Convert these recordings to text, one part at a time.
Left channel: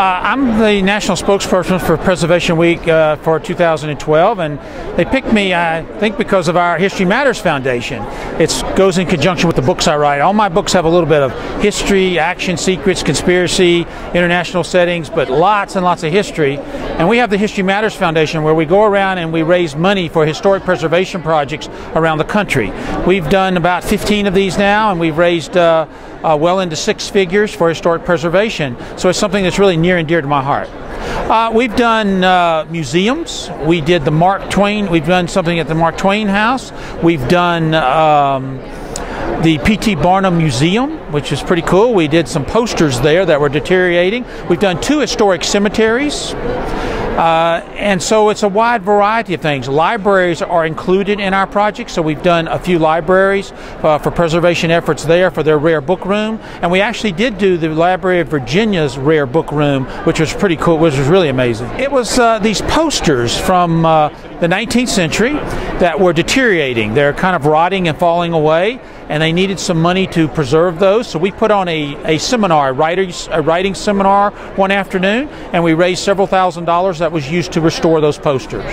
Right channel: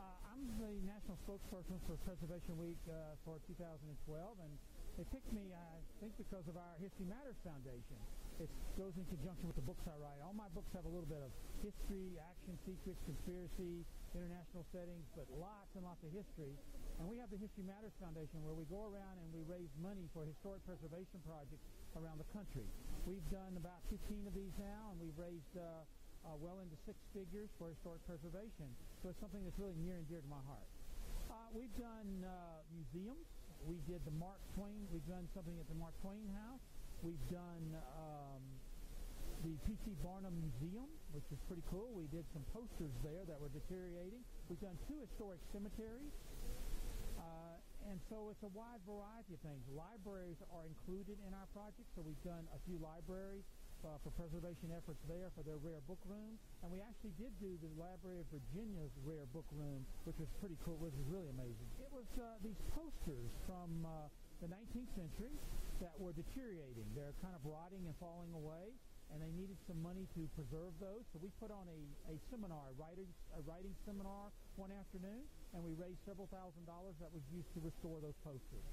I'm the national spokesperson for Preservation Week for 2012, and they picked me, I think, because of our History Matters Foundation. It goes in conjunction with the books I write. All my books have a little bit of history, action, secrets, conspiracy, international settings, but lots and lots of history. And we have the History Matters Foundation, where we go around and we raise money for historic preservation projects around the country. We've done about 15 of these now, and we've raised well into six figures for historic preservation. So it's something that's really near and dear to my heart. We've done museums. We did the Mark Twain. We've done something at the Mark Twain House. We've done the P.T. Barnum Museum, which is pretty cool. We did some posters there that were deteriorating. We've done 2 historic cemeteries. And so it's a wide variety of things. Libraries are included in our project, so we've done a few libraries for preservation efforts there for their rare book room. And we actually did do the Library of Virginia's rare book room, which was pretty cool, which was really amazing. It was these posters from the 19th century that were deteriorating. They're kind of rotting and falling away, and they needed some money to preserve those. So we put on a seminar, a writing seminar one afternoon, and we raised several $1,000s that was used to restore those posters.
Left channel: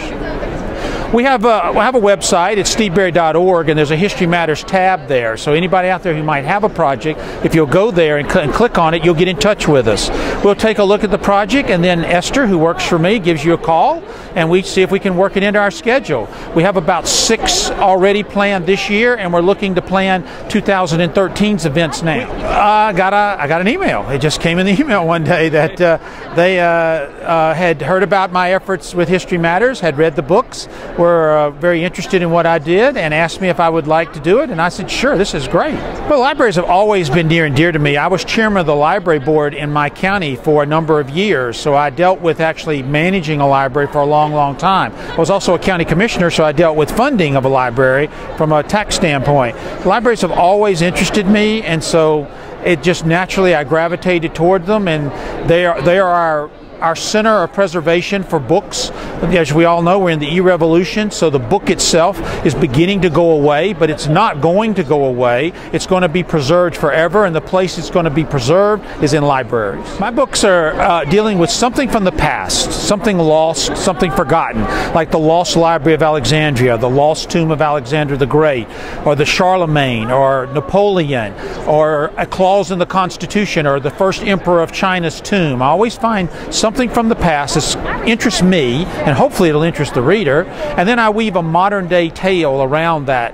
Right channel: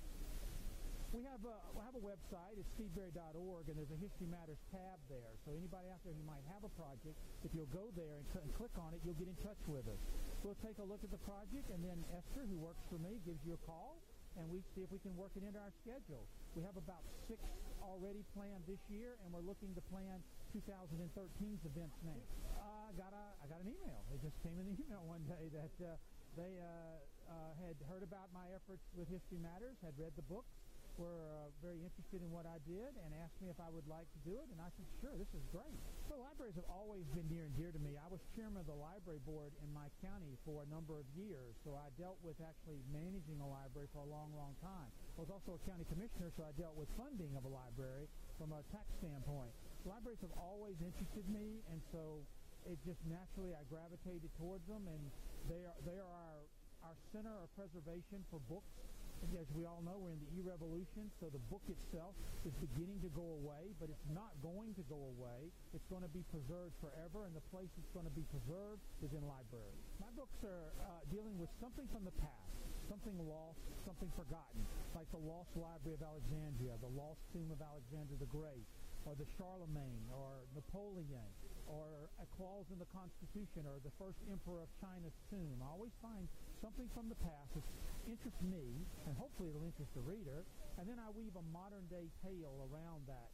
We have a website, it's steveberry.org, and there's a History Matters tab there. So anybody out there who might have a project, if you'll go there and click on it, you'll get in touch with us. We'll take a look at the project, and then Esther, who works for me, gives you a call, and we see if we can work it into our schedule. We have about 6 already planned this year, and we're looking to plan 2013's events now. I got an email. It just came in the email one day that they had heard about my efforts with History Matters, had read the books, were very interested in what I did, and asked me if I would like to do it, and I said, sure, this is great. Well, libraries have always been near and dear to me. I was chairman of the library board in my county for a number of years, so I dealt with actually managing a library for a long, long time. I was also a county commissioner, so I dealt with funding of a library from a tax standpoint. Libraries have always interested me, and so it just naturally I gravitated toward them, and they are our center of preservation for books. As we all know, we're in the e-revolution, so the book itself is beginning to go away, but it's not going to go away. It's going to be preserved forever, and the place it's going to be preserved is in libraries. My books are dealing with something from the past, something lost, something forgotten, like the Lost Library of Alexandria, the Lost Tomb of Alexander the Great, or the Charlemagne, or Napoleon, or a clause in the Constitution, or the first emperor of China's tomb. I always find something from the past that interests me, and hopefully it'll interest the reader, and then I weave a modern-day tale around that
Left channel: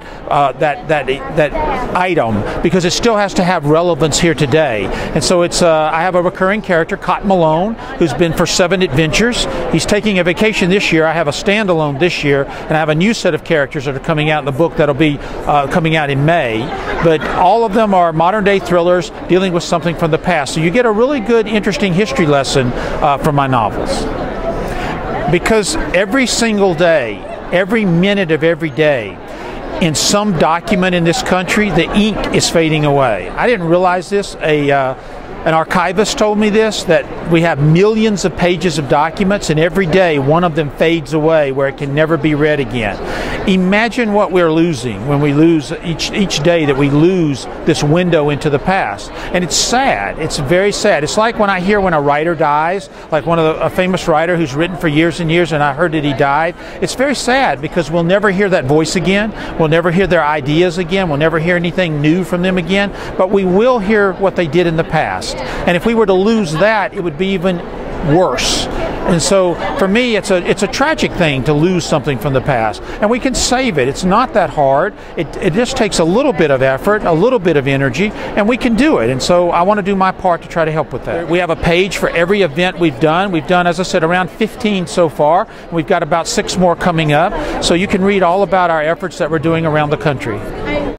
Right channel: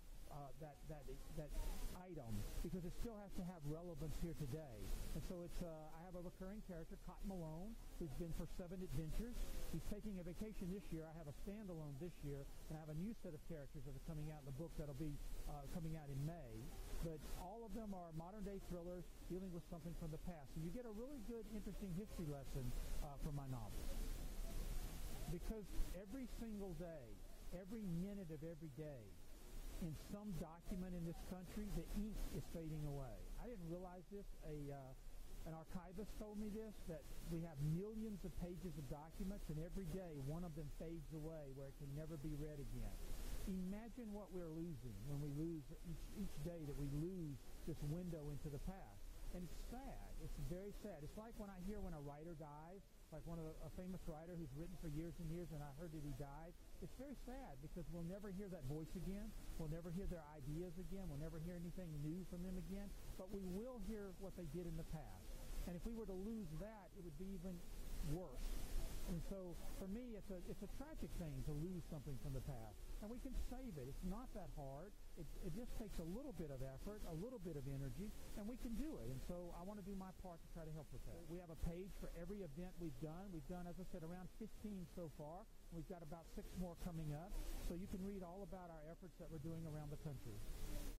item, because it still has to have relevance here today. And so it's I have a recurring character, Cotton Malone, who's been for 7 adventures. He's taking a vacation this year. I have a standalone this year, and I have a new set of characters that are coming out in the book that'll be coming out in May. But all of them are modern-day thrillers dealing with something from the past. So you get a really good, interesting history lesson from my novels. Because every single day, every minute of every day, in some document in this country, the ink is fading away. I didn't realize this. An archivist told me this, that we have millions of pages of documents, and every day one of them fades away where it can never be read again. Imagine what we're losing when we lose each day that we lose this window into the past. And it's sad. It's very sad. It's like when I hear when a writer dies, like a famous writer who's written for years and years, and I heard that he died. It's very sad because we'll never hear that voice again. We'll never hear their ideas again. We'll never hear anything new from them again. But we will hear what they did in the past. And if we were to lose that, it would be even worse. And so for me, it's a tragic thing to lose something from the past. And we can save it. It's not that hard. It just takes a little bit of effort, a little bit of energy, and we can do it. And so I want to do my part to try to help with that. We have a page for every event we've done. We've done, as I said, around 15 so far. We've got about 6 more coming up. So you can read all about our efforts that we're doing around the country.